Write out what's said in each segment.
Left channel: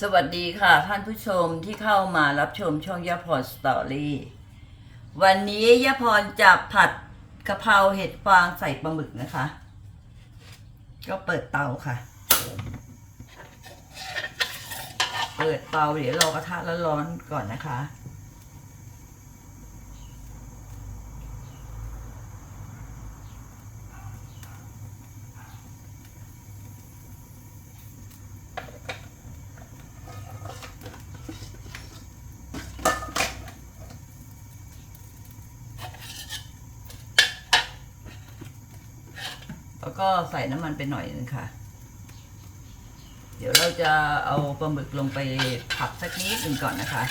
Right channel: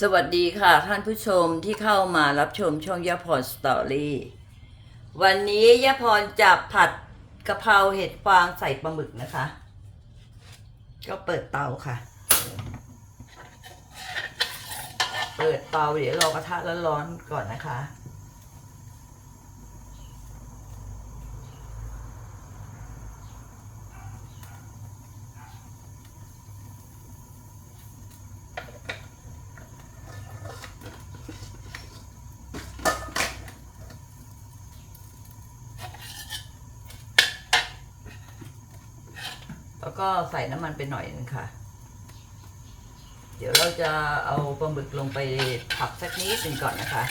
สวัสดีค่ะท่านผู้ชมที่เข้ามารับชมช่องยาพรสตอรี่วันนี้ยาพรจะผัดกะเพราเห็ดฟางใส่ปลาหมึกนะคะ ก็เปิดเตาค่ะ เปิดเตาเดี๋ยวรอกระทะร้อนๆก่อนนะคะ ก็ใส่น้ำมันไปหน่อยนึงค่ะ เดี๋ยวเราจะเอาปลาหมึกลงไปผัดสักนิดหนึ่งก่อนนะคะ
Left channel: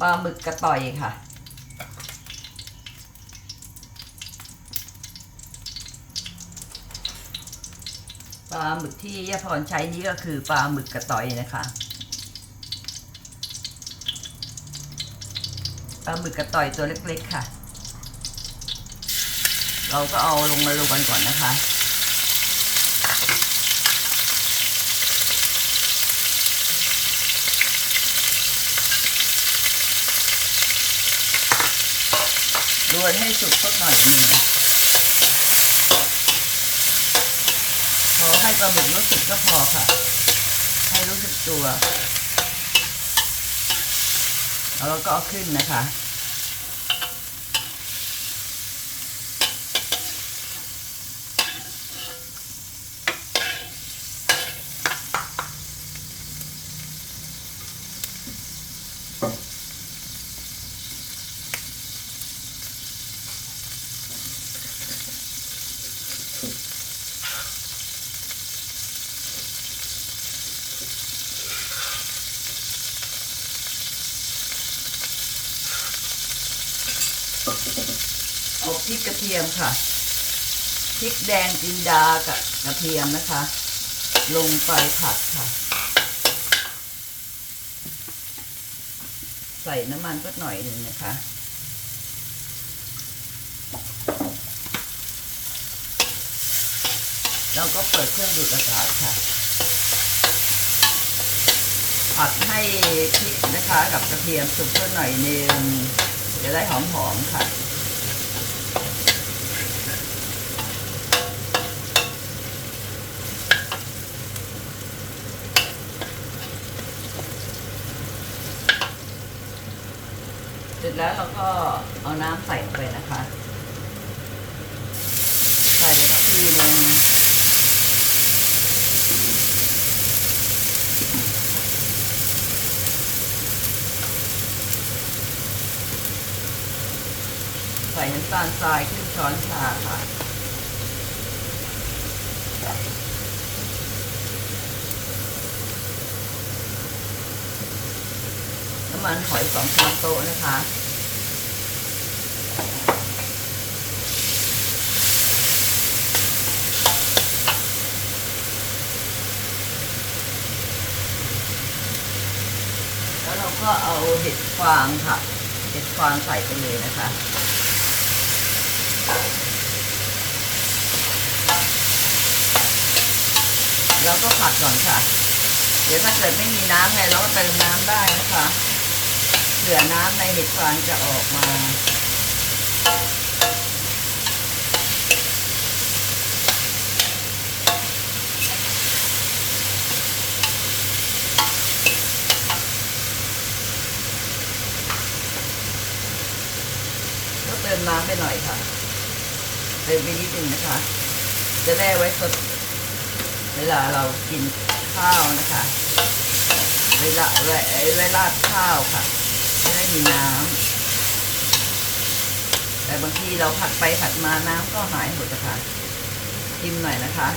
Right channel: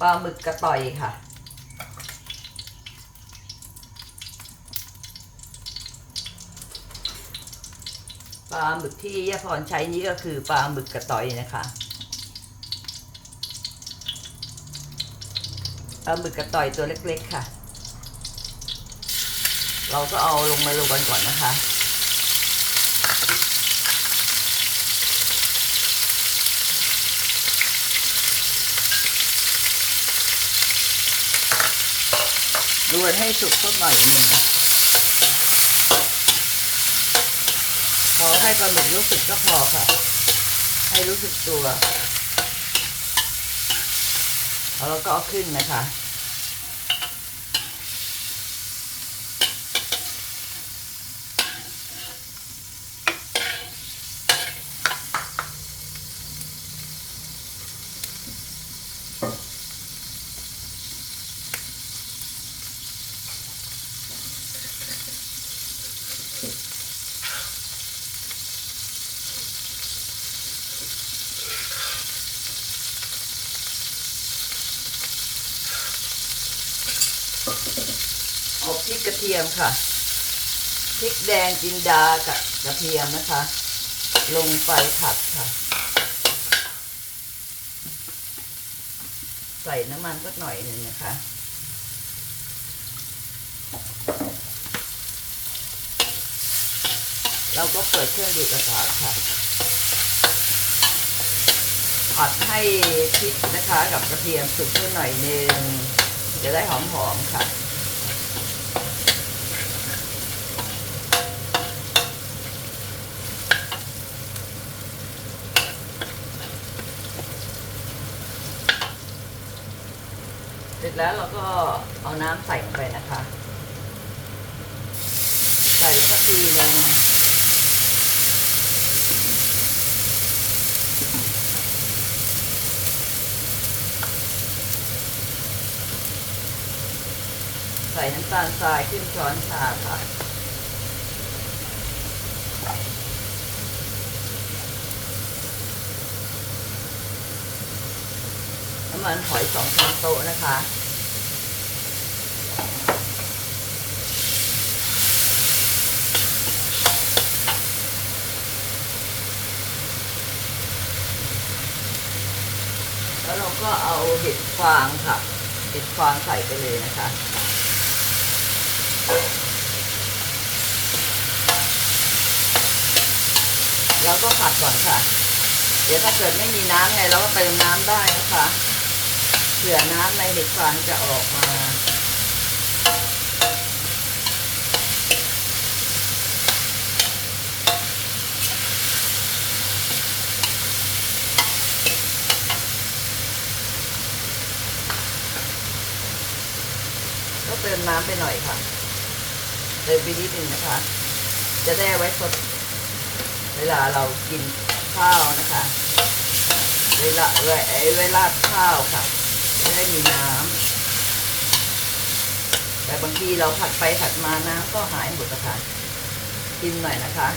ปลาหมึกกระต่อยค่ะปลาหมึกที่ยาพรใช้นี้ก็คือปลาหมึกกระต่อยนะคะปลาหมึกกระต่อยตัวเล็กๆค่ะ เราก็เอาลงมาลงกันก่อนนะคะ รวนให้สุกสักหน่อยหนึ่งพอให้ปลาหมึกรู้สึกก็พอค่ะ ให้รู้สึกตัว แล้วเราก็เอาขึ้นนะคะ ริกกระเทียมค่ะพริกแดงจินดากับกระเทียมนะคะ ลงไปผัดค่ะ ใส่น้ำมันสักหน่อยหนึ่งนะคะเราก็เปิดเครื่องดูดอากาศค่ะ ผัดให้พริกนะคะกับกระเทียมสุกสักหน่อยหนึ่งจะได้หอมๆค่ะ เสร็จ แล้วเราก็เอาน้ำใส่ไปนะคะ ใส่สักทีหนึงใส่น้ำตาลทรายครึ่งช้อนชาค่ะน้ำมันหอยสองช้อนโต๊ะนะคะ แล้วเรา ก็เอาเห็ดฟางค่ะ เห็ดฟางใส่ไปเลยนะคะแล้วก็ผัดก่อนค่ะ เดี๋ยวถ้าเกิดไม่มีน้ำไงเราก็เติมน้ำได้นะคะเผื่อน้ำในเห็ดฟางจะออกมา ก็เติมน้ำไปหน่อยค่ะ เติมไปนิดนึงนะคะ จะได้ไว้สดเวลาเรากินข้าวนะคะ เวลาเวเวลาข้าวค่ะจะได้มีน้ำแต่บางทีเราผัดไปผัดมาน้ำก็หายหมดละค่ะชิมหน่อยนะคะ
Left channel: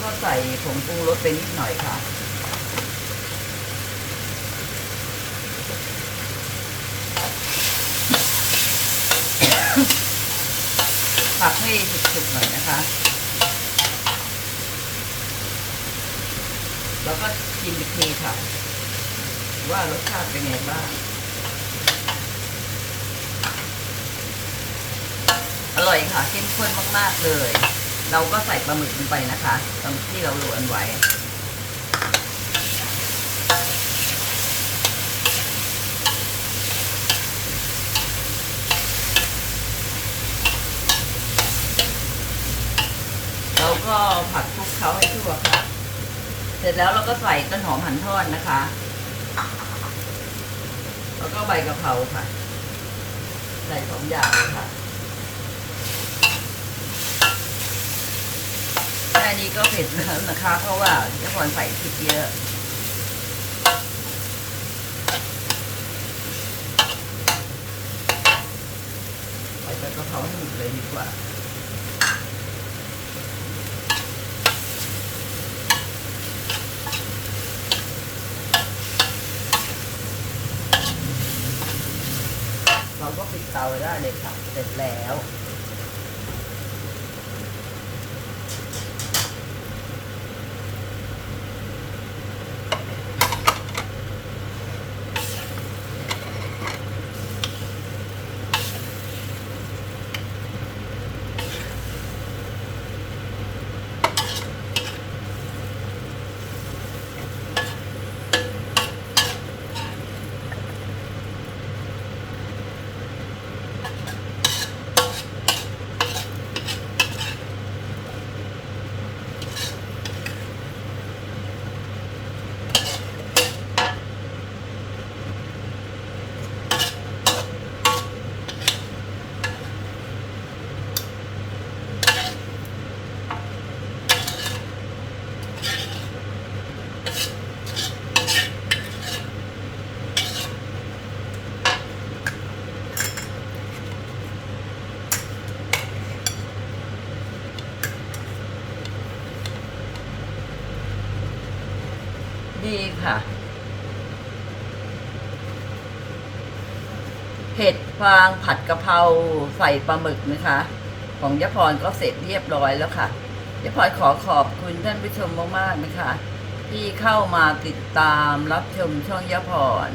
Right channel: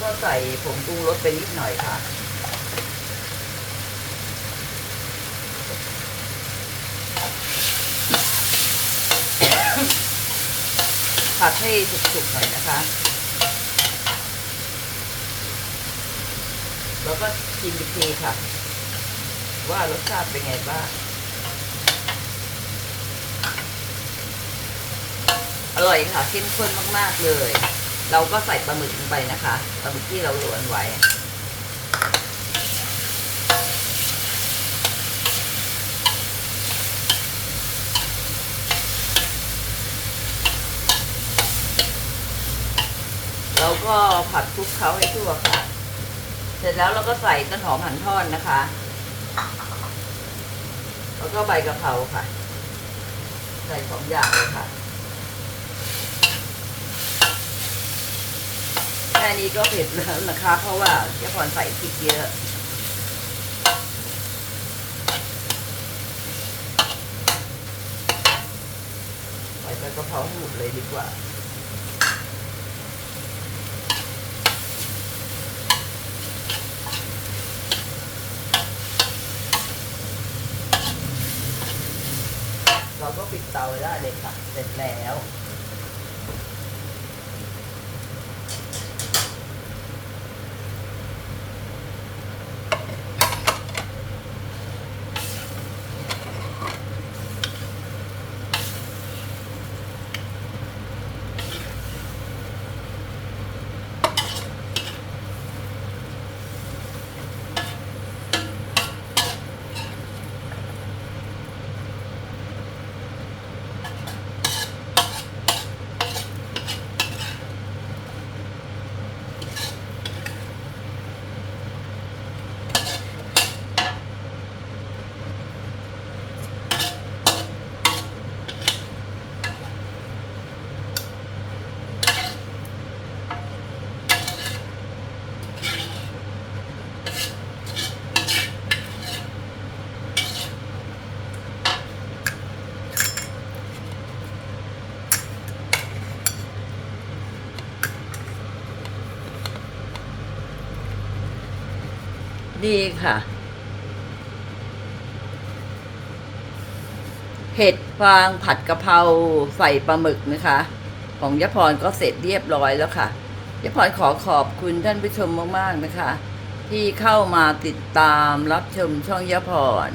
ก็ใส่ผงปรุงรสไปนิดหน่อยค่ะ ผัดให้สุกๆหน่อยนะคะ แล้วก็ชิมอีกทีค่ะ ว่ารสชาติเป็นไงบ้าง อร่อยค่ะเข้มข้นมาก ๆ เลย เราก็ใส่ปลาหมึกลงไปนะคะปลาหมึกที่เราโรยไว้ เราก็ผัดคลุกเคล้าให้ทั่วค่ะ เสร็จแล้วเราก็ใส่ต้นหอมหั่นทอดนะคะ แล้วก็ใบกะเพราค่ะ ใส่สองอย่างเลยค่ะ แค่ นี้ก็เผ็ดแล้วนะคะ เพราะว่าเจ้าพรใส่พริกเยอะใส่ใบกะเพราหมดเลยดีกว่าเราก็ปิดเตาได้เลยค่ะ เสร็จแล้ว ดีค่ะ เห็ดฟางผัดกะเพราใส่ปลาหมึกนะคะ ของยะพรก็เสร็จเรียบร้อยแล้วค่ะยะพรขอขอบคุณท่านผู้ชมมากๆนะคะ ที่เข้ามาติดตามรับชมช่องยะพร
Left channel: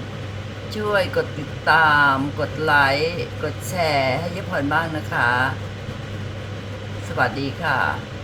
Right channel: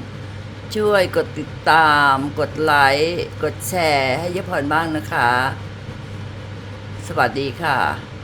ช่วยกดติดตาม กดไลค์ กดแชร์ให้ยะพรบ้างนะคะ สวัสดีค่ะ